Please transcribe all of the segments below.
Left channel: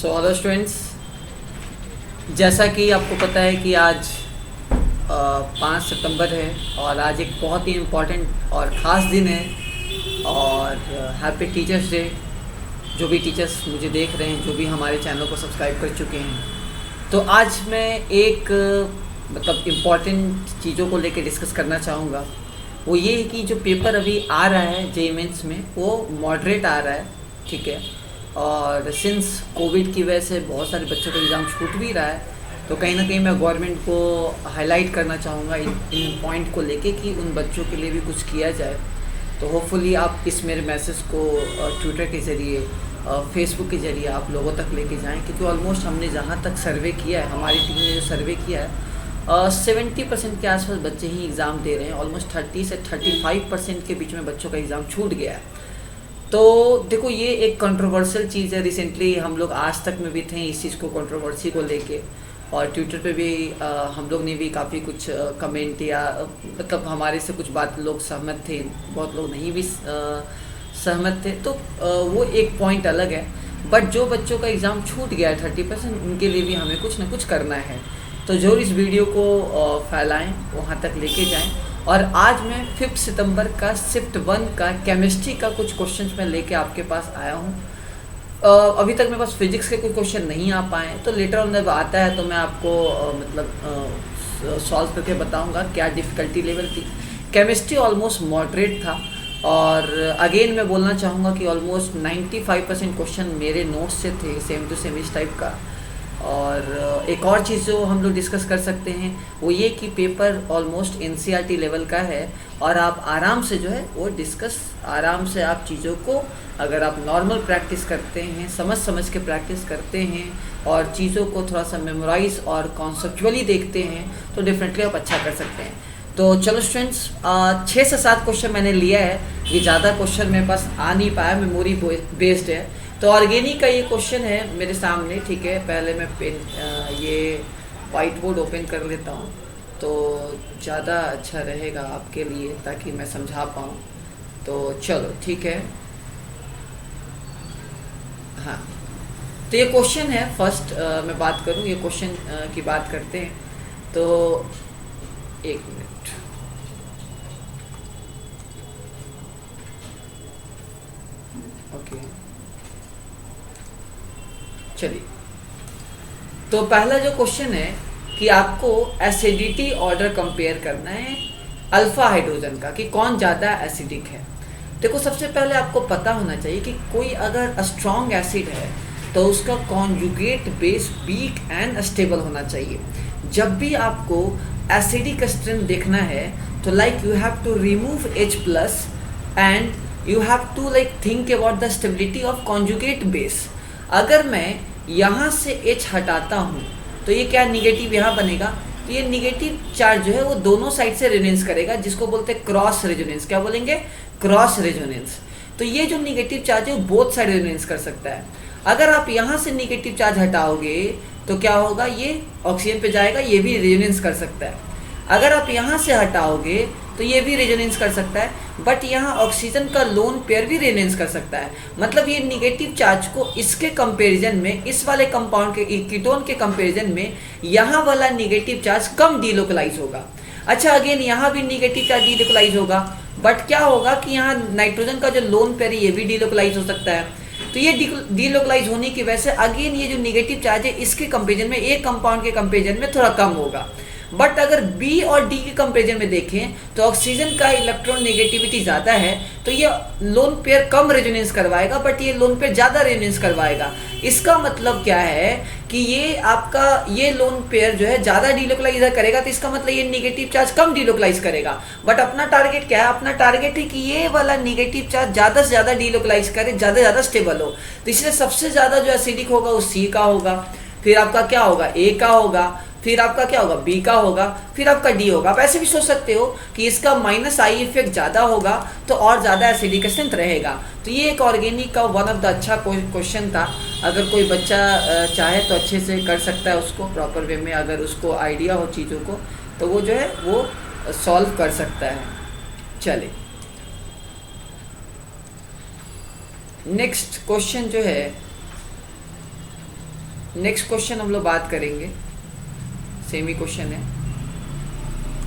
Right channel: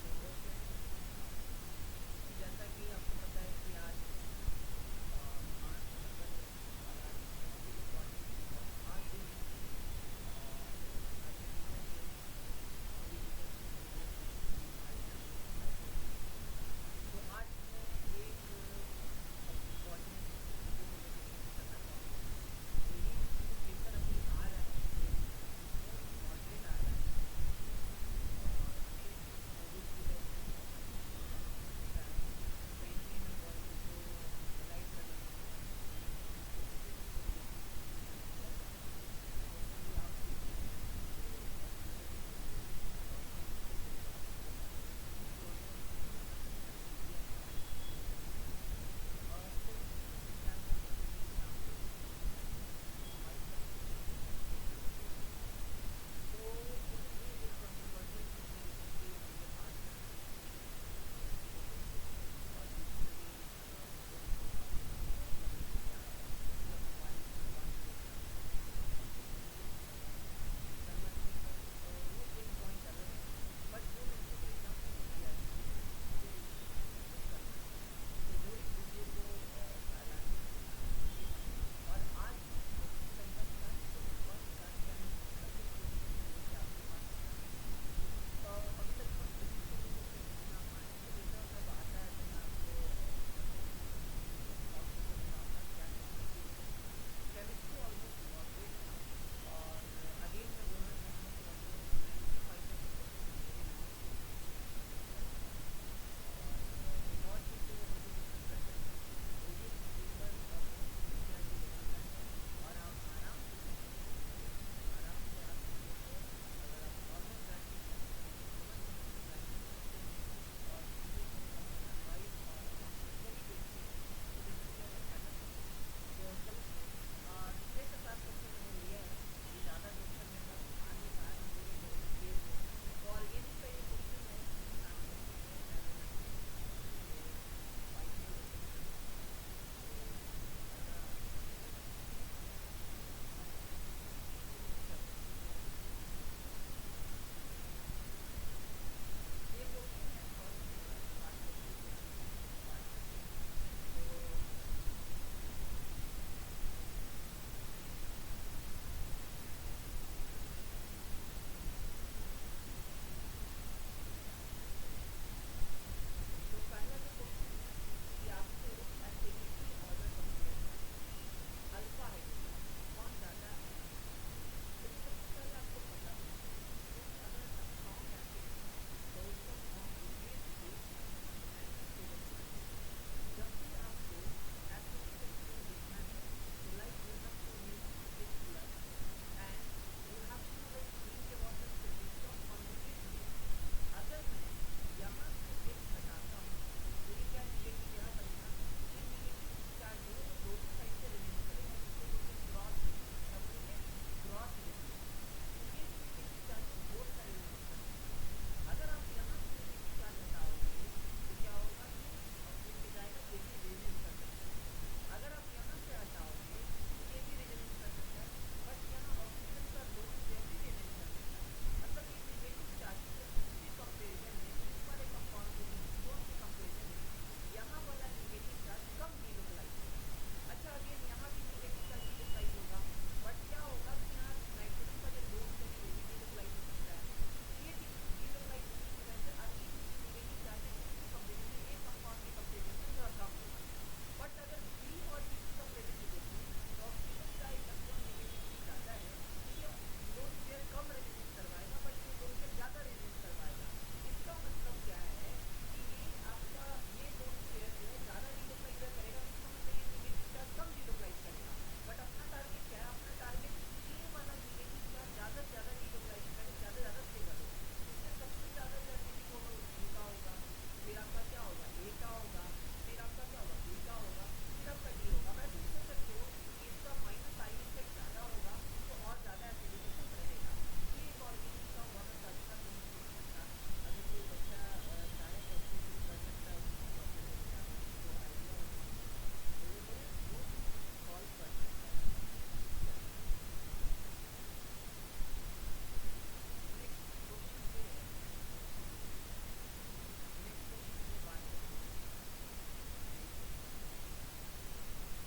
So hello students, जैसा कि आपको पता है कि आज 5 सितंबर है और आज एक बहुत ही इम्पोर्टेंट और ख़ास दिन है। और हैप्पी टीचर्स डे। जो भी टीचर्स मुझे देख रहे हैं, जो भी हमारे चैनल को सब्सक्राइब कर चुके हैं, तो आज मैं एक मतलब इम्पॉर्टेंट चीज़ों को लेकर डिस्कस करना चाहूँगा। वो ये है कि जो पेपर अभी आ रहा है जेईई मेंस में, वो मॉडरेट आ रहा है, ठीक है। और सिंस कोविड की वजह से बहुत सारे बच्चों का एग्ज़ाम छूट भी रहा है, तो कहीं ना कहीं मैं गवर्नमेंट को हाईलाइट करना चाहूँगा इन पॉइंट को लेके कि उन बच्चों के लिए भी कुछ किया जाए। तो होपफुली आप इस मेरे मैसेज को ट्विटर के ज़रिए, फेसबुक के ज़रिए आप लोगों तक लेके जाएं, क्योंकि ऑलमोस्ट हमने जहाँ तक सर्वे किया है, हमारी टीम ने जो सर्वे किया है, 70% के आसपास बच्चे ही एग्ज़ाम दे रहे हैं। ऑलमोस्ट 30 से 35% के बीच में बच्चों का एग्ज़ाम छूट गया है। तो देखो, ये एक कंट्रोवर्शियल चीज़ है। रिसेंटली हम लोग आज तक में भी थे इस चीज़ को, कंट्रोवर्सी को लेके, और ट्विटर पे भी हम लोग ने भी काफ़ी कुछ कमेंट या मतलब हमारे से कुछ बात लोग सहमत थे, बहुत लोग नहीं भी सहमत थे। तो वो एक पॉइंट अलग है। बट जो बच्चों का एग्ज़ाम छूट गया है 30%, उनके लिए भी हमें कुछ ना कुछ करना है। तो जो इस वीडियो को फैलाएं, वहाँ तक लेके जाएं। और आज मैं 5 सितंबर का शिफ्ट 1 का केमिस्ट्री का कुछ क्वेश्चंस मैं लेके आपके पास आया हूँ। अभी तक मेरे पास फिजिक्स के कुछ क्वेश्चन नहीं आ पाए हैं, तो लेटर ऑन जब आता है तो मैं आपको मतलब सॉल्व करके बताऊंगा क्या डिफ़िकल्टी लेवल थी। केमिस्ट्री ऑलमोस्ट मॉडरेट था। और अगेन मैं बोलना चाहूँगा कि ऑलमोस्ट 95% क्वेश्चन मेरे नोट्स से थे, सेम टू सेम इस टाइप का। और एक और चीज़ जो हम लोग डिस्कस कर सकते हैं वो ये कि पेपर ऑलमोस्ट एनसीईआरटी लेवल का है, और आप आराम से जो है वो डिस्कस आराम से आप चीज़ों को, अगर आप नॉर्मल प्रैक्टिस करते हैं, समझ के प्रैक्टिस करते हैं और चीज़ों को थोड़ा सा मेमोराइज और कॉन्सेप्चुअली देखते हैं, तो डेफिनेटली आप अच्छा कर सकते हैं। तो चलो स्टूडेंट्स, 6 से 7 क्वेश्चन मैंने लिया है। ये ज़्यादा क्वेश्चन मेरे पास आ नहीं पाया, मेमोरी बेस्ड है। तो ऑर्गेनिक का ये क्वेश्चन है मेरे सामने, ठीक है। पहले मैं पेन ये वाइट बोर्ड ओपन कर लेता हूँ, तो ज़्यादा अच्छा रहेगा आपके लिए, ताकि मैं समझा पाऊँ। तो चलो ठीक है। हाँ, तो ये क्वेश्चन है फर्स्ट। मैं बात करूँ, ये क्वेश्चन की बात करते हैं। तो एक मिनट। ओके, चलिए। तो पहला जो क्वेश्चन है कि आपको एसिडिटी ऑर्डर कंपेयर करना है अल्फा हाइड्रोजन का, कि कौन ज़्यादा एसिडिक है। देखो, सबसे पहले आपको पता होना चाहिए कि कोई अगर स्ट्रॉन्ग एसिड है तो उसका conjugate base weak and stable होना चाहिए। जब भी आपको एसिडिक स्ट्रेंथ देखना है तो like you have to remove H plus and you have to like think about the stability of conjugate base. अगर मैं यहाँ से H हटाता हूँ तो ये क्या निगेटिव यहाँ बनेगा, तो ये निगेटिव चार्ज जो है वो दोनों साइड से रेजोनेंस करेगा, जिसको बोलते हैं क्रॉस रेजोनेंस। क्या बोलेंगे? Cross resonance. तो ये जो निगेटिव चार्ज है वो बोथ साइड रेजोनेंस कर सकता है। अगर आप यहाँ से निगेटिव चार्ज हटाओगे तो क्या होगा, ये ऑक्सीजन पे जाएगा, ये भी रेजोनेंस कर सकता है। अगर आप यहाँ से हटाओगे तो ये भी रेजोनेंस कर सकता है, बट यहाँ ऑक्सीजन का लोन पेयर भी रेजोनेंस कर सकता है। मतलब ये निगेटिव चार्ज को इसके कंपैरिजन में, इस वाले कंपाउंड के कीटोन के कंपैरिजन में, यहाँ वाला निगेटिव चार्ज कम डीलोकलाइज होगा। अच्छा, अगेन यहाँ भी निगेटिव चार्ज डीलोकलाइज होगा, बट क्या होगा कि यहाँ नाइट्रोजन का जो लोन पेयर है ये भी डीलोकलाइज हो सकता है। तो ये डीलोकलाइज होने की वजह से अगेन ये जो निगेटिव चार्ज है इसके कंपेरिजन में, एक कंपाउंड के कंपेरिजन में थोड़ा कम होगा। बट अगर बी और डी के कंपेरिजन में देखें तो ऑक्सीजन का इलेक्ट्रॉन नेगेटिविटी ज़्यादा है, तो ये लोन पेयर कम रेजोनेंस करवाएगा, बट ये लोन पेयर ज़्यादा रेजोनेंस करवाएगा। इसका मतलब क्या है कि ये आपका ये लोन पेयर जो है ज़्यादा डीलोकलाइज करेगा, तो इसका मतलब ये निगेटिव चार्ज कम डीलोकलाइज करेगा। बट अपना टारगेट क्या है? अपना टारगेट है कि ये वाला निगेटिव चार्ज ज़्यादा से ज़्यादा डीलोकलाइज करे, ज़्यादा से ज़्यादा स्टेबल हो। तो इसलिए सबसे ज़्यादा जो एसिडिक होगा वो सी का होगा, फिर आपका क्या होगा, ए का होगा, फिर आपका क्या होगा, बी का होगा, फिर आपका डी होगा। आप ऐसे भी सोच सकते हो कि इसका माइनस आई इफेक्ट ज़्यादा होगा तो और ज़्यादा एसिडिक स्ट्रेंथ रहेगा। तो ये एक ऑर्गेनिक का वन ऑफ द अच्छा क्वेश्चन था। अगर कोई बच्चा चाहे तो अच्छे से कर सकता है उसको प्रॉपर वे में, अगर उसको आइडिया हो चीज़ों को, तो वो जो है वो सॉल्व कर सकता है। चलिए, नेक्स्ट क्वेश्चन जो है नेक्स्ट क्वेश्चन हम लोग बात करेंगे, सेम ही क्वेश्चन है।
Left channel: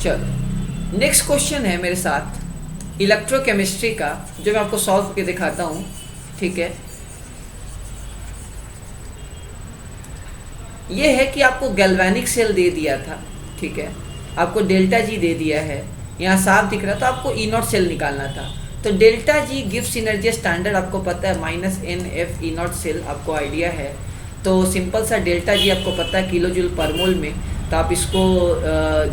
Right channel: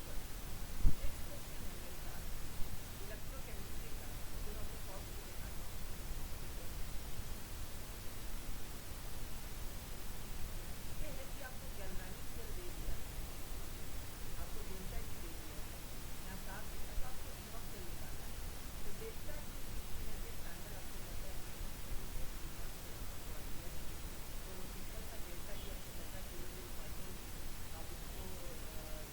चलो नेक्स्ट क्वेश्चन है मेरे साथ इलेक्ट्रोकेमिस्ट्री का, जो मैं आपको सॉल्व करके दिखाता हूँ, ठीक है। ये है कि आपको गैल्वेनिक सेल दे दिया था, ठीक है, आपको डेल्टा जी दे दिया है, यहाँ साफ दिख रहा है, तो आपको ई नॉट सेल निकालना था। तो delta G gives energy standard आपको पता है minus n F E naught cell, आपको आइडिया है। तो सिंपल सा डेल्टा जी आपको पता है किलो जूल पर मोल में, तो आप इसको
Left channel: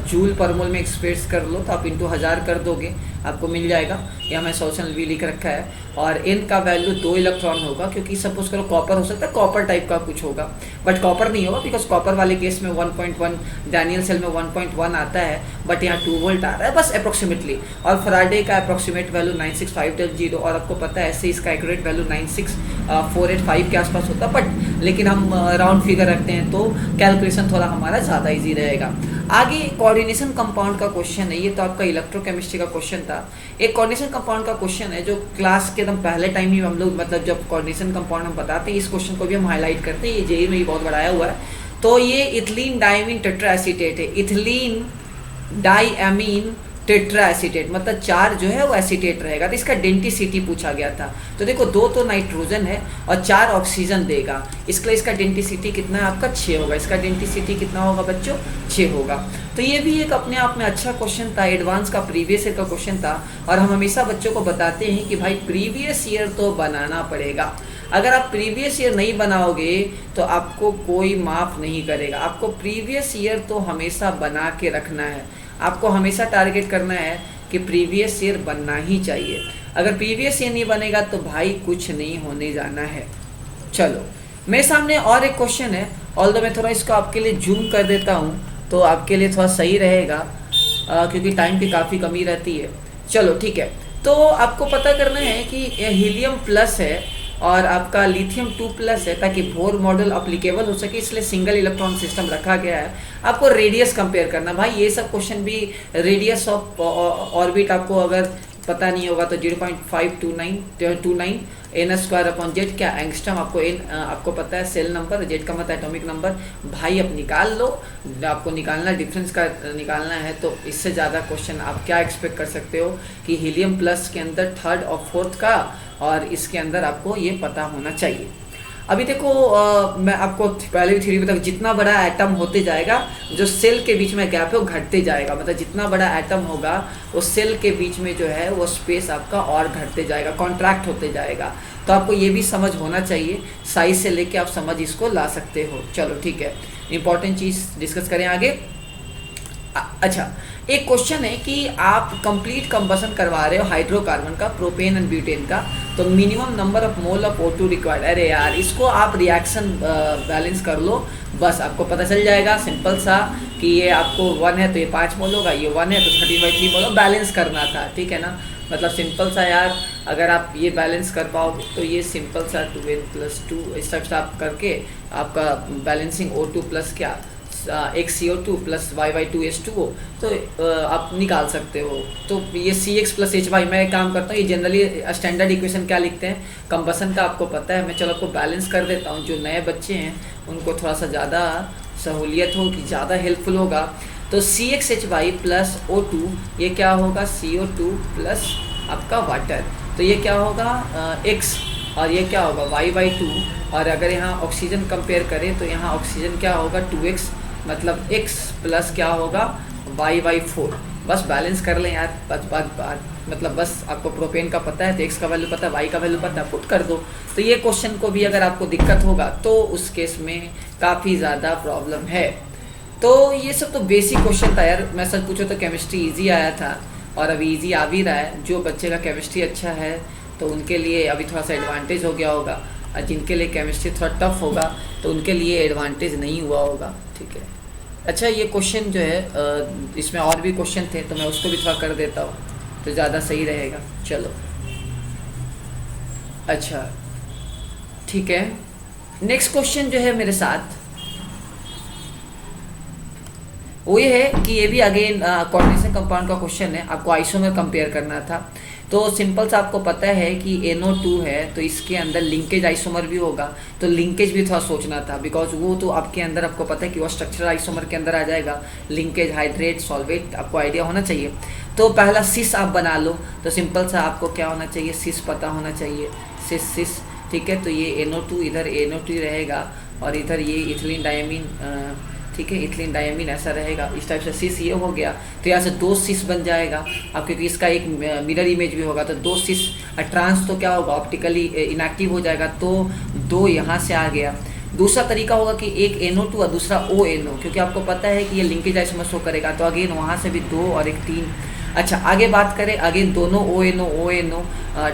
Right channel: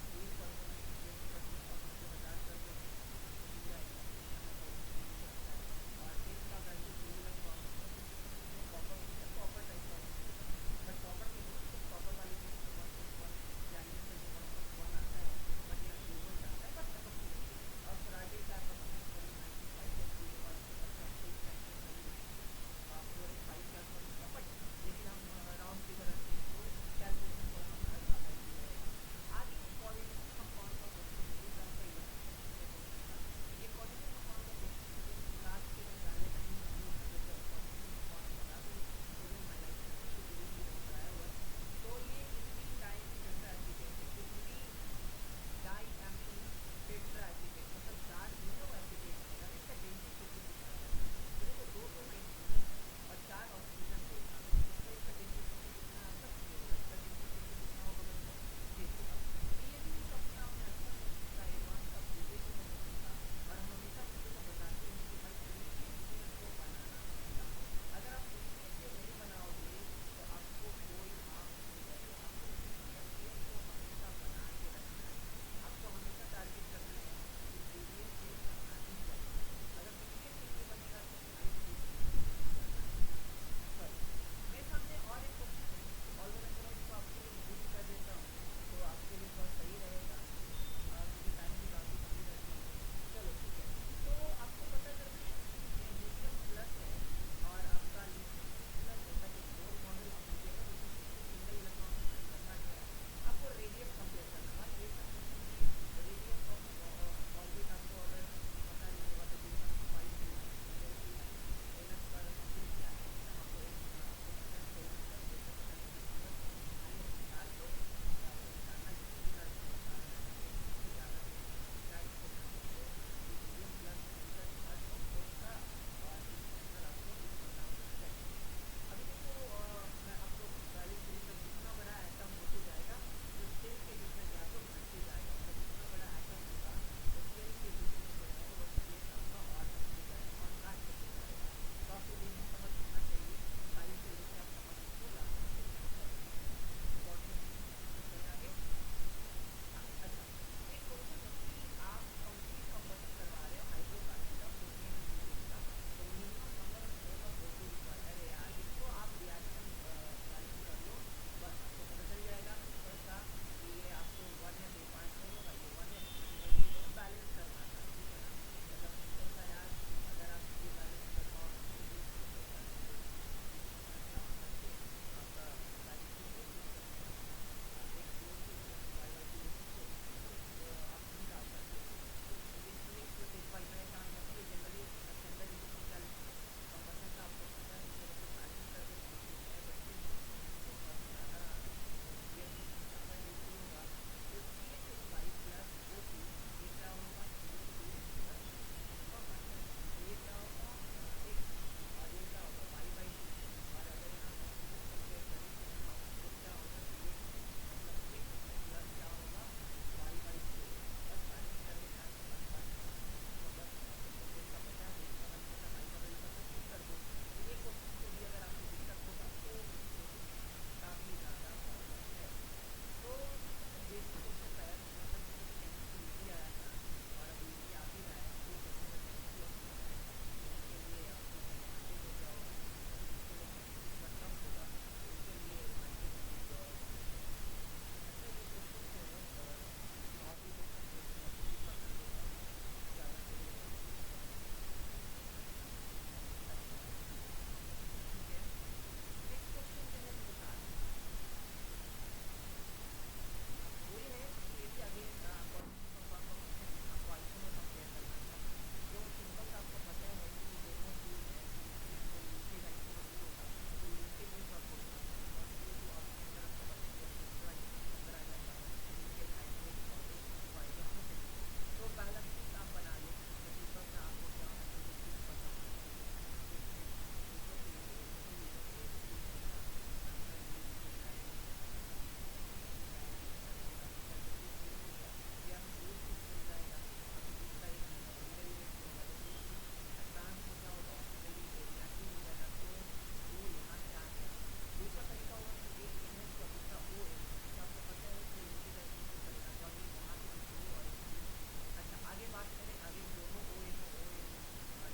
जूल पर मोल में एक्सप्रेस कर लो, तो आप इंटू 1000 कर दोगे, आपको मिल जाएगा। यहाँ मैं सोल्यूशन भी लिख रखा है। और एन का वैल्यू 2 इलेक्ट्रॉन होगा, क्योंकि सपोज करो कॉपर हो सकता है, कॉपर टाइप का कुछ होगा, बट कॉपर नहीं होगा, बिकॉज कॉपर वाले केस में 1.1, डैनियल सेल में 1.1 आता है, बट यहाँ 2 वोल्ट आ रहा है बस अप्रोक्सीमेटली। और फराडे का अप्रोक्सीमेट वैल्यू 96510, और आपको पता है ऐसे इसका एक्यूरेट वैल्यू 96485 के आसपास होता है, बट लेकिन हम राउंड फिगर रखते हैं तो कैलकुलेशन थोड़ा हमारा ज़्यादा ईजी रहेगा। आगे कोऑर्डिनेशन कंपाउंड का क्वेश्चन है, ये तो आपका इलेक्ट्रोकेमिस्ट्री का क्वेश्चन था। एक कोऑर्डिनेशन कंपाउंड का क्वेश्चन है जो क्लास के एकदम पहले टाइम ही हम लोग, मतलब जब कोऑर्डिनेशन कंपाउंड हम बताते हैं, इस क्वेश्चन को भी हम हाईलाइट करते हैं, ये जेई में ही बहुत बढ़ाया हुआ है। तो ये इथिलीन डायमीन टेट्राएसीटेट है, इथिलीन डाइएमीन टेट्रा एसीटेट, मतलब 4 जो है वो एसीटेट रहेगा। तो इसका डेंटिसिटी पूछा गया था। तो देखो 2 तो नाइट्रोजन है और 4 ऑक्सीजन देगा, इसके लिए इसका डेंटिसिटी कितना है आपका 6 होगा। इसका डेंटिसिटी कितना होगा बच्चों 6 होगा। तो ये भी एक अपने आप में अच्छा क्वेश्चन था, एडवांस का प्रीवियस ईयर का क्वेश्चन था। और हम हमेशा बच्चों को बताते हैं कि भाई प्रीवियस ईयर तो बनाना पड़ेगा। अगर आप प्रीवियस ईयर नहीं बनाओगे तो आपको कोई माफ़ नहीं करेगा। आपको प्रीवियस ईयर तो हमेशा बना के रखना है, आपको हमेशा टारगेट करना है कि प्रीवियस ईयर बनना ही चाहिए। अगर प्रीवियस ईयर नहीं बनेगा तो भाई कुछ नहीं होने जाना है। चलो मेरे सामने और एक क्वेश्चन है, ऑल्दो मैं थोड़ा इसको आपके लिए जूम कर देता हूँ तो आपके लिए थोड़ा सही रहेगा, क्योंकि टाइम की काफ़ी कमी रहती है। चलो ठीक है, तो आपको पता करना है कि हीलियम प्लस है और आपका लिथियम 2 प्लस है, ताकि बोर मॉडल अप्लीकेबल हो सके, इसलिए सिंगल इलेक्ट्रॉन सिस्टम रखा गया है। आपको रेडियस कंपेयर करना, भाई ये सब क्वेश्चन भी रेडियस ऑफ ऑर्बिट आपको अगर पता नहीं होगा तो 0.529 एन स्क्वायर अपॉन जेड, क्या एंगस्ट्रम, आपको एन आपको पता है सेल नंबर, जेड का मतलब एटॉमिक नंबर, भाई अब निकाल लो। आपको निकालना डिफरेंस का निकालना है, तो इससे ज़्यादा क्वेश्चन आप क्या एक्सपेक्ट कर सकते हो कि हीलियम प्लस के अंदर 3rd और 4th का, और इसके अंदर आपको ये पता होना चाहिए। अभी देखो मैं आपको पहले भी थ्योरी बता, जितना बड़ा एटम होते जाएगा जो सेल के बीच में गैप है वो घटते जाएगा, मतलब जितना बड़ा एटम होगा वो सेल के बीच में जो है वो स्पेस आपका और घटते जाएगा, कॉन्ट्रैक्ट होते जाएगा। तो आपको ये भी समझ होना चाहिए, साइज से लेके आप समझ इसको ला सकते हो। चलो ठीक है, इंपॉर्टेंट चीज़ डिस्कस करें आगे। अच्छा, एक क्वेश्चन है कि आप कंप्लीट कंबसन करवा रहे हो हाइड्रोकार्बन का, प्रोपेन एंड ब्यूटेन का, तो minimum number of mole of O2 required. अरे यार इसको आप रिएक्शन बैलेंस कर लो, बस आपको पता चल जाएगा सिंपल सा कि ये आपको 1 है तो ये 5 मोल होगा, ये 1 है तो 30/3 मोल होगा। बैलेंस करना था, ठीक है ना, मतलब सिंपल सा यार, अगर आप ये बैलेंस कर पाओगे तो ये सिंपल सा 2n + 2 इस टाइप से आप करके आपका बैलेंसिंग O2 प्लस क्या XCO2 प्लस Y2H2O, तो आप निकाल सकते हो। तो ये CX + HY, मैं एक काम करता हूँ, ये जनरली स्टैंडर्ड इक्वेशन क्या लिखते हैं कंबसन का आपको पता है, मैं चलो आपको बैलेंस कर देता हूँ। जो नए बच्चे हैं उनको थोड़ा सा ज़्यादा सहूलियत होगी, ज़्यादा हेल्पफुल होगा। तो CXHY + O2 ये क्या होगा CO2 प्लस आपका वाटर, तो ये क्या होगा X, और ये क्या होगा Y/2। और अगर यहाँ ऑक्सीजन कंपेयर करें तो यहाँ ऑक्सीजन क्या होगा 2x, मतलब x प्लस क्या होगा Y/4। बस बैलेंस कर लें यार, मतलब बस आपको प्रोपेन का पता है तो x का वैल्यू पता है, y का वैल्यू पता है, पुट कर दो। तो ये क्वेश्चन को भी अगर आपको दिक्कत होगा तो उस केस में काफ़ी ज़्यादा प्रॉब्लम है। तो ये सब तो बेसिक क्वेश्चन था यार, मैं सच पूछो तो केमिस्ट्री ईजी आया था और अभी ईजी आ भी रहा है। जो बच्चे का केमिस्ट्री अच्छा है तो उनके लिए अभी थोड़ा सा एडवांटेज हो गया होगा, और जिनके लिए केमिस्ट्री थोड़ा टफ होगा तो उनके लिए एडवांटेज नहीं हुआ होगा, ठीक है। अच्छा, ये क्वेश्चन जो है इसमें और भी क्वेश्चन थे तो मैं उसको भी थोड़ा कर देता हूँ तो ज़्यादा सही रहेगा। चलो अच्छा ठीक है, नेक्स्ट क्वेश्चन जो है मेरे साथ वो ये है कि ये भी अगेन कोऑर्डिनेशन कंपाउंड का क्वेश्चन है, आपको आइसोमर कंपेयर करना था। तो सिंपल सा आपको पता है कि NO2 है तो इसके अंदर लिंकेज आइसोमर भी होगा, तो लिंकेज भी थोड़ा सोचना था, बिकॉज वो तो आपके अंदर आपको पता है कि वो स्ट्रक्चरल आइसोमर के अंदर आ जाएगा। लिंकेज हाइड्रेट सॉल्वेट आपको आइडिया होना चाहिए। तो पहला सिस आप बना लो, तो सिंपल सा आपको क्या होना चाहिए, सिस पता होना चाहिए, सिस। ठीक है, तो ये NO2 इधर NO2 रहेगा और इधर ये इथिलीन डायमीन, ठीक है, इथिलीन डायमीन ऐसा रहेगा। इस टाइप से सिस ये हो गया, तो यहाँ से 2 सिस बन जाएगा अब, क्योंकि इसका एक मिरर इमेज भी होगा, तो 2 सिस ट्रांस तो क्या होगा, ऑप्टिकली इनएक्टिव हो जाएगा, तो 2 यहाँ से आ गया। दूसरा तरीका होगा कि एक NO2 और दूसरा ONO, क्योंकि आपको पता है कि ये लिंकेज आइसोमर शो करेगा, तो अगेन वहाँ से भी 2 और एक 3। अच्छा, आगे बात करें, अगेन दोनों ONO,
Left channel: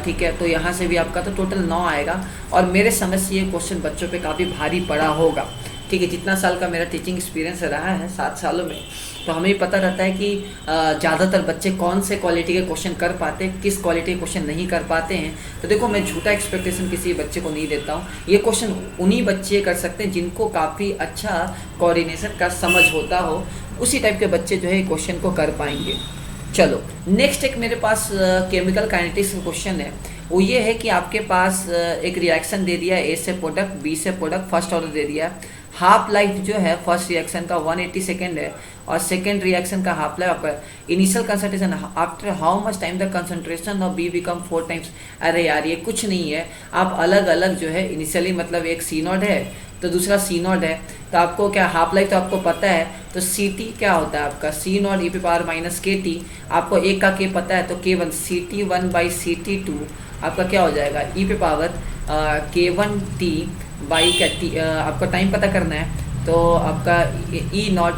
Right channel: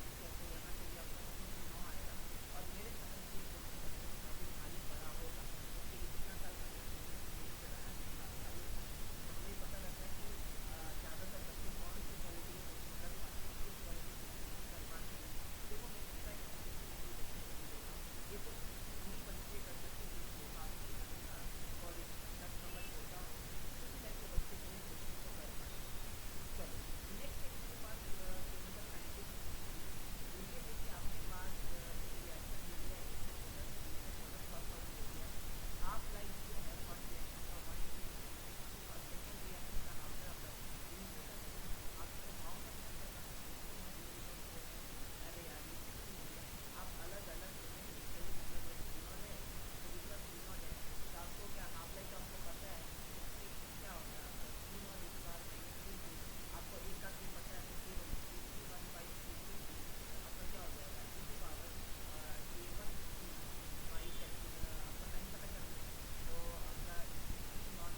ठीक है, तो यहाँ से भी आपका तो टोटल 9 आएगा। और मेरे समझ से ये क्वेश्चन बच्चों पे काफ़ी भारी पड़ा होगा। ठीक है, जितना साल का मेरा टीचिंग एक्सपीरियंस रहा है 7 सालों में, तो हमें पता रहता है कि ज़्यादातर बच्चे कौन से क्वालिटी के क्वेश्चन कर पाते हैं, किस क्वालिटी के क्वेश्चन नहीं कर पाते हैं। तो देखो, मैं झूठा एक्सपेक्टेशन किसी बच्चे को नहीं देता हूँ। ये क्वेश्चन उन्हीं बच्चे कर सकते हैं जिनको काफ़ी अच्छा कोऑर्डिनेशन का समझ होता हो, उसी टाइप के बच्चे जो है क्वेश्चन को कर पाएंगे। चलो, नेक्स्ट एक मेरे पास केमिकल काइनेटिक्स का क्वेश्चन है। वो ये है कि आपके पास एक रिएक्शन दे दिया है, A से प्रोडक्ट, B से प्रोडक्ट, फर्स्ट ऑर्डर दे दिया है। हाफ लाइफ जो है फर्स्ट रिएक्शन का 180 सेकेंड है और सेकेंड रिएक्शन का हाफ लाइफ आपका initial concentration after how much time the concentration of be become 4 times. अरे यार, ये कुछ नहीं है, आप अलग अलग जो है इनिशियली, मतलब एक C0 है तो दूसरा C0 है, तो आपको क्या हाफ लाइफ तो आपको पता है, तो CT क्या होता है आपका C0 e⁻−KT, आपको एक का K पता है, तो K1 CT1/CT2 आपका क्या हो जाएगा, e⁻K1T/T, आपका टाइम पता करना है, तो आपका E0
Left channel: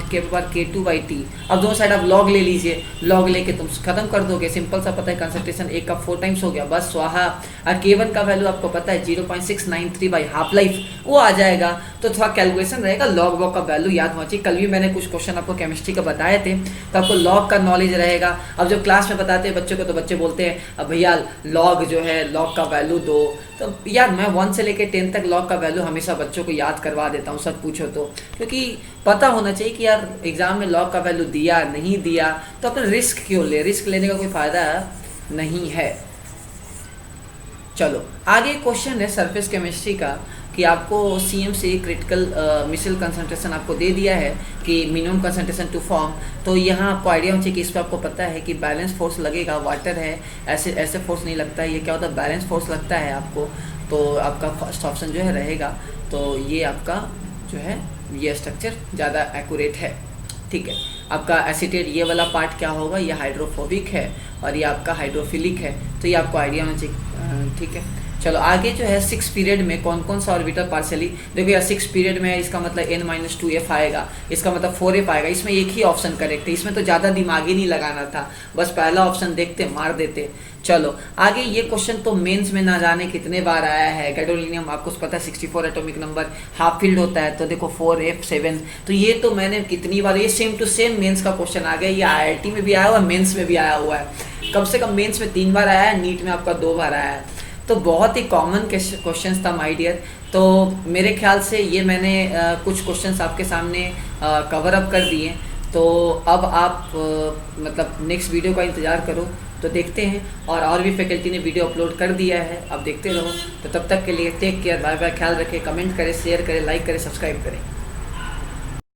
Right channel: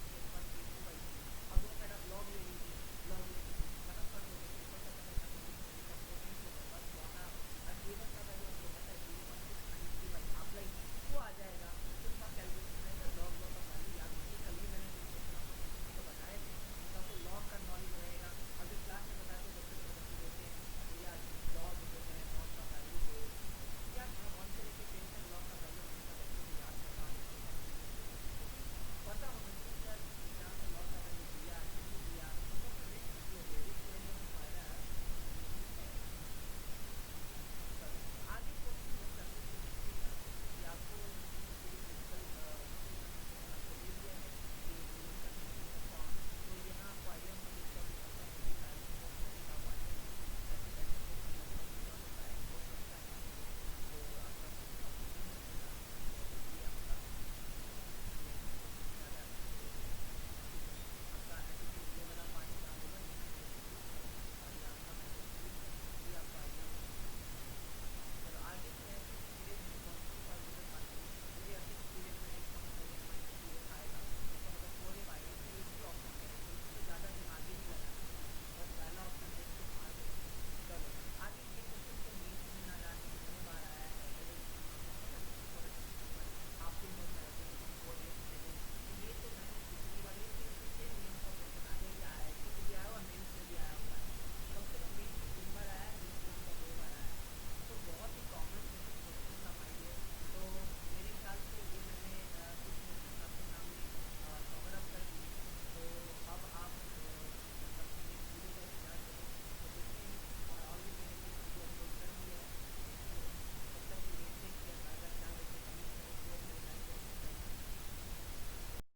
K2/T। अब दोनों साइड आप लॉग ले लीजिए, लॉग लेके तुम खत्म कर दोगे, सिंपल सा पता है, कंसंट्रेशन एक का 4 टाइम्स हो गया, बस स्वाहा। और K1 का वैल्यू आपको पता है 0.693 बाई हाफ लाइफ, वो आ जाएगा। तो थोड़ा कैलकुलेशन रहेगा, लॉग वॉग का वैल्यू याद होना चाहिए। कल भी मैंने कुछ क्वेश्चन आपको केमिस्ट्री का बताए थे, तो आपको लॉग का नॉलेज रहेगा। अब जब क्लास में बताते हैं बच्चों को, तो बच्चे बोलते हैं अब भैया लॉग जो है, लॉग का वैल्यू दो। तो यार, मैं 1 से लेकर 10 तक लॉग का वैल्यू हमेशा बच्चों को याद करवा देता हूँ, सच पूछो तो, क्योंकि पता होना चाहिए कि यार एग्जाम में लॉग का वैल्यू दिया नहीं दिया, तो अपन रिस्क क्यों ले, रिस्क लेने का कोई फ़ायदा नहीं है। चलो, आगे क्वेश्चन है सरफेस केमिस्ट्री का, कि आपको CM से क्रिटिकल मिसल कंसंट्रेशन आपको दे दिया है कि मिनिमम कंसंट्रेशन टू फॉर्म। तो यहाँ आपको आइडिया होना चाहिए कि इस पर आपको पता है कि बैलेंस फोर्स लगेगा, वाटर है, ऐसे फोर्स नहीं लगता है, ये क्या होता है, बैलेंस फोर्स लगता है आपको। तो आपका फर्स्ट ऑप्शन जो है रहेगा, तो ये आपका जो है ये स्ट्रक्चर ज़्यादा एक्यूरेट है। ठीक है, आपका एसिटेट ये वाला पार्ट क्या होगा, ये हाइड्रोफोबिक है और ये आपका हाइड्रोफिलिक है, तो ये आपको आइडिया होना चाहिए। ठीक है, चलो आगे जो है 6 पीरियड में कौन कौन सा ऑर्बिटल पार्शियली, देखो यार 6 पीरियड में है, इसका मतलब n-2f आएगा, इसका मतलब 4f आएगा। इसमें एक ही ऑप्शन करेक्ट है, इसमें तो ज़्यादा दिमाग ही नहीं लगाना था, बस पहला ऑप्शन देखते मार देते। चलो आगे, ये क्वेश्चन तो मेंस में ना जाने कितने बार आया है। गैडोलिनियम आपको पता है 64 एटॉमिक नंबर, हाफ फील्ड होता है, तो देखो 4f7, तो ये तो मैंने कितनी बार, ये सेम टू सेम मेंस का क्वेश्चन आ गया, ये IIT में भी आया हुआ है, मेंस में भी आया हुआ है। कम से कम मेंस में 3 बार आया है, नीट में आपका 2 बार आया है, तो बहुत ही कॉमन क्वेश्चंस था माय डियर। तो मेरे ख्याल से ये मैंने कुछ क्वेश्चंस आपके सामने कवर अप कर दिए। तो अब आप मतलब नेक्स्ट वीडियो का इंतज़ार करो, तो देखते हैं। और भी फैकल्टी ने वीडियो अपलोड कर दिया है, अब देखते रहो। तो तब तक के लिए टेक केयर, बाय बाय, ख्याल रखें, कमेंट करें, शेयर करें, लाइक करें, सब्सक्राइब करें।